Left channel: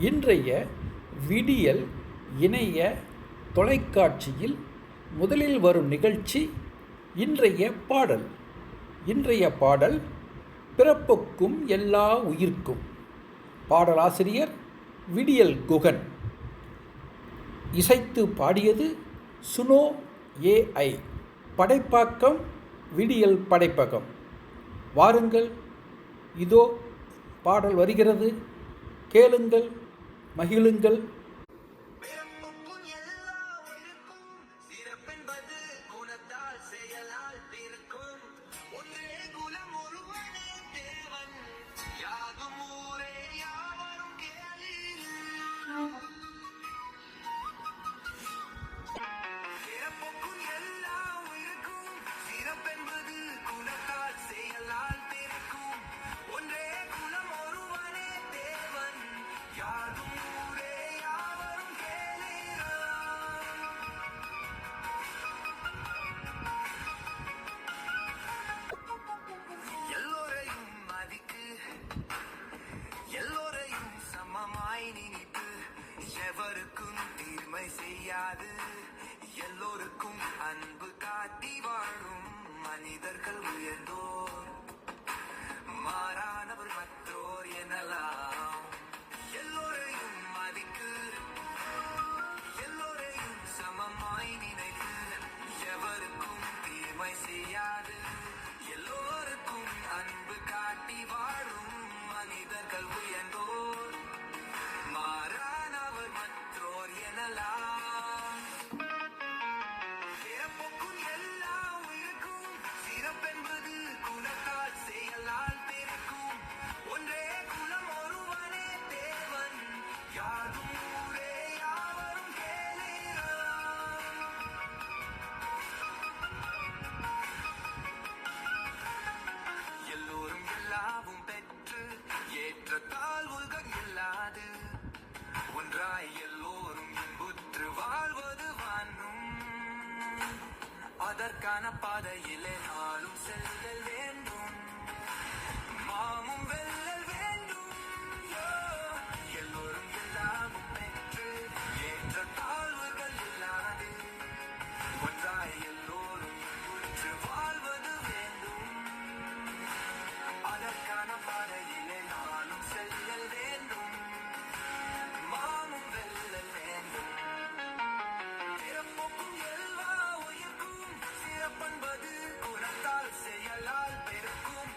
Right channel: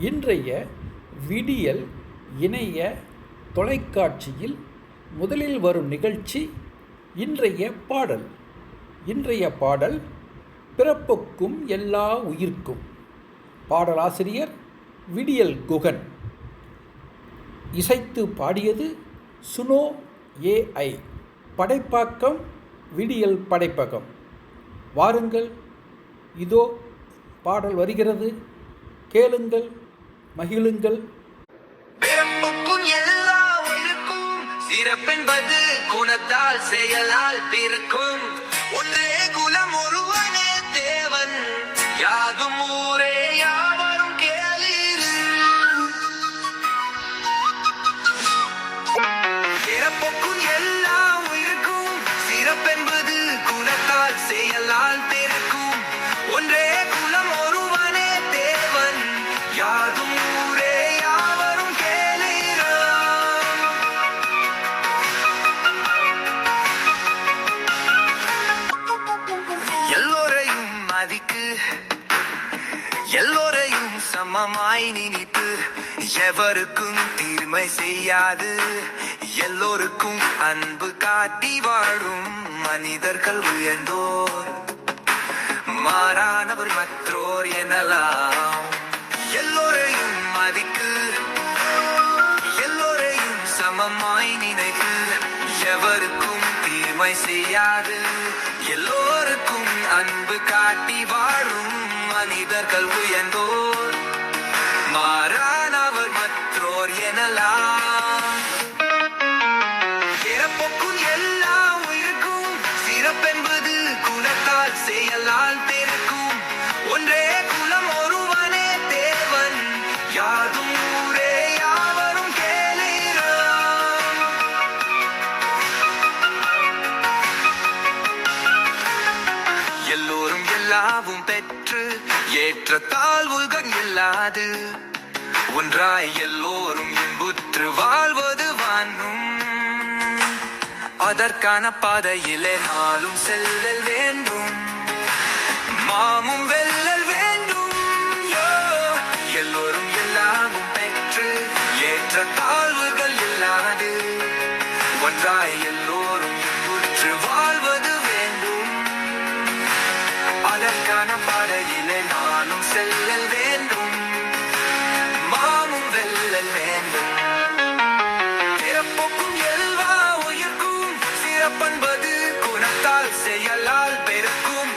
இன்றைய விடியல் இணைய தொலைக்காட்சியில் முதலில் வரும் நிகழ்ச்சி இன்றைய பாடல். இன்றைய பாடல் பிறப்புக்கும் எல்லா உயிர்க்கும் பாடலாசிரியர் விடியல் குகன். இசைத்து பாடியது சுனோ ஏஐ படைப்பாக்கம் விடியல் படைப்பகம். வாருங்கள் இதோ பாடல் வருகிறது. கேளுங்கள். மகிழுங்கள். பிறப்புக்கும் சிறப்பென்பது குணத்தால் செயலால் பிறக்கும். சமமாய் நினைத்து எவருக்கும் தீர்மை செய்யாது. எல்லோருக்கும் அன்பு காட்டி வாழும் மனிதர்கள் உயர்ந்தோர். மாறானவர் மற்றோர் எனலாம். எல்லோரையும் மதிக்கு எல்லோரையும் சமமாய் நினைத்து எவருக்கும் தீர்மை செய்யாது. எல்லோருக்கும் அன்பு காட்டி வாழும் எனலாம் பிறப்புக்கும் எல்லா உயிருக்கும். சிறப்பென்பது குணத்தால் செயலால் பெருக்கும். ஒன்றே குலம் ஒருவனே தேவன். யாதும் ஊரே யாவரும் கேளீராம். எல்லோரும் எல்லாவும் பெற்று ஏற்ற தாழ்வுகள் இல்லாது ஒன்றாய் எல்லோரும் இன்புற்று வாழ்வது வானும் அதற்கான பாதையிலே நாளும் செல்லல் வேண்டும். மாமும் வெல்லல் வேண்டும். எல்லோரும் எல்லாமும் பெற்று ஏற்ற தாழ்வுகள் இல்லாது. ஒன்றாய் எல்லோரும் இன்புற்று குணத்தால் செயலால் பெருக்கும்.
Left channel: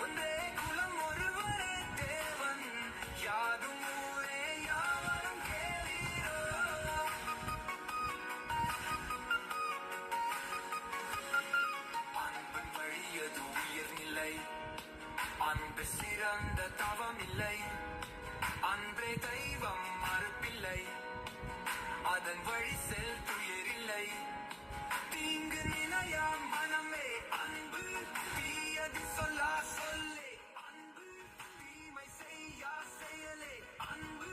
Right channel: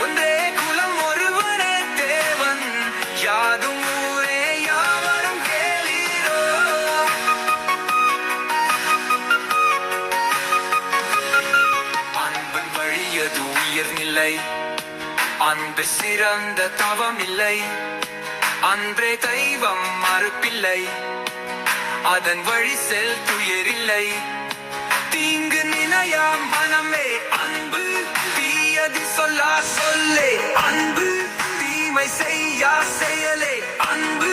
ஒன்றே குலம் ஒருவனே தேவன். யாதும் ஊரே யாவரும் கேளீரோ. அன்பின் வழியது உயர்நிலை? அன்பு சிறந்த தவம் இல்லை அன்றே தெய்வம் மறுப்பில்லை. அதன் வழி செல் துயரில்லை. தீமை செய்யா செயலே. அன்பு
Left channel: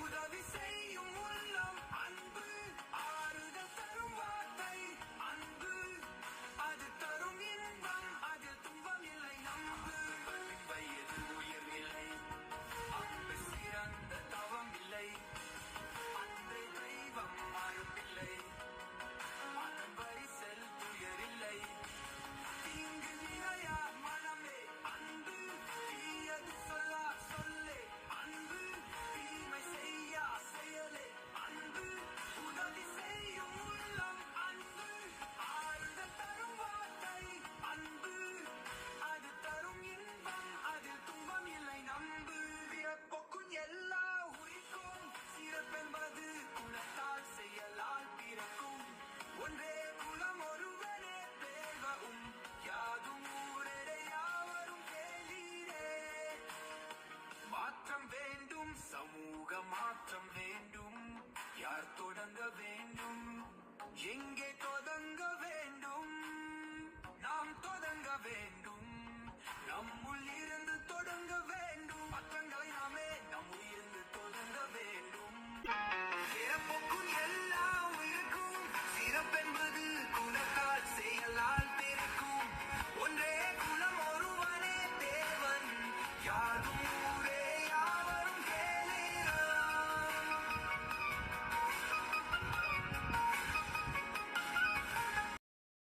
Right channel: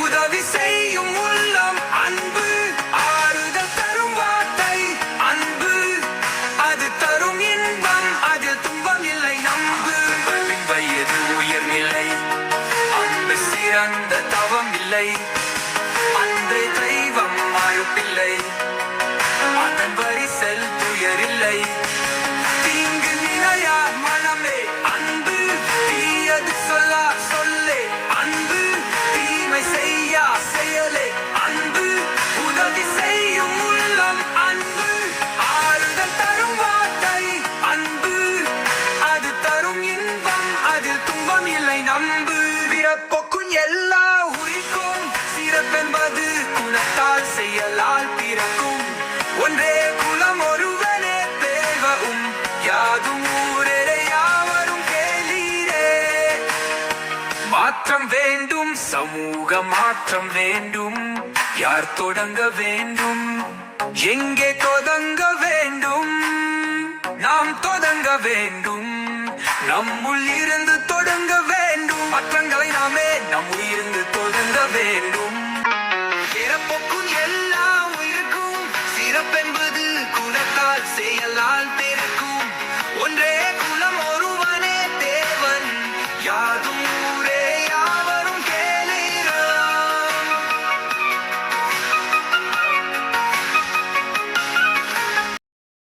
உதவி செய்யும் உள்ளம். அன்பு ஆறுதல் தரும் வார்த்தை. அன்பு அது தரும் இன்பம். அதில் துன்பம் இல்லை நம்பு. வயது உயர்நிலை? அன்பு சிறந்த தவம் இல்லை. மாற்றம் வேண்டும். சமூக மாற்றம் வேண்டும். யார் தொடங்க வேண்டும்? எங்கே தொடங்க வேண்டும்? நாம் தொடங்க வேண்டும். நம்முள் இருந்து தொடங்க வேண்டும். மாற்றங்களை நாமே நம் இருந்து தொடங்க வேண்டும். பிறப்புக்கும் எல்லா உயிருக்கும். சிறப்பென்பது குணத்தால் செயலால் பிறக்கும் ஒன்றே குலம் ஒருவனே தேவன். யாதும்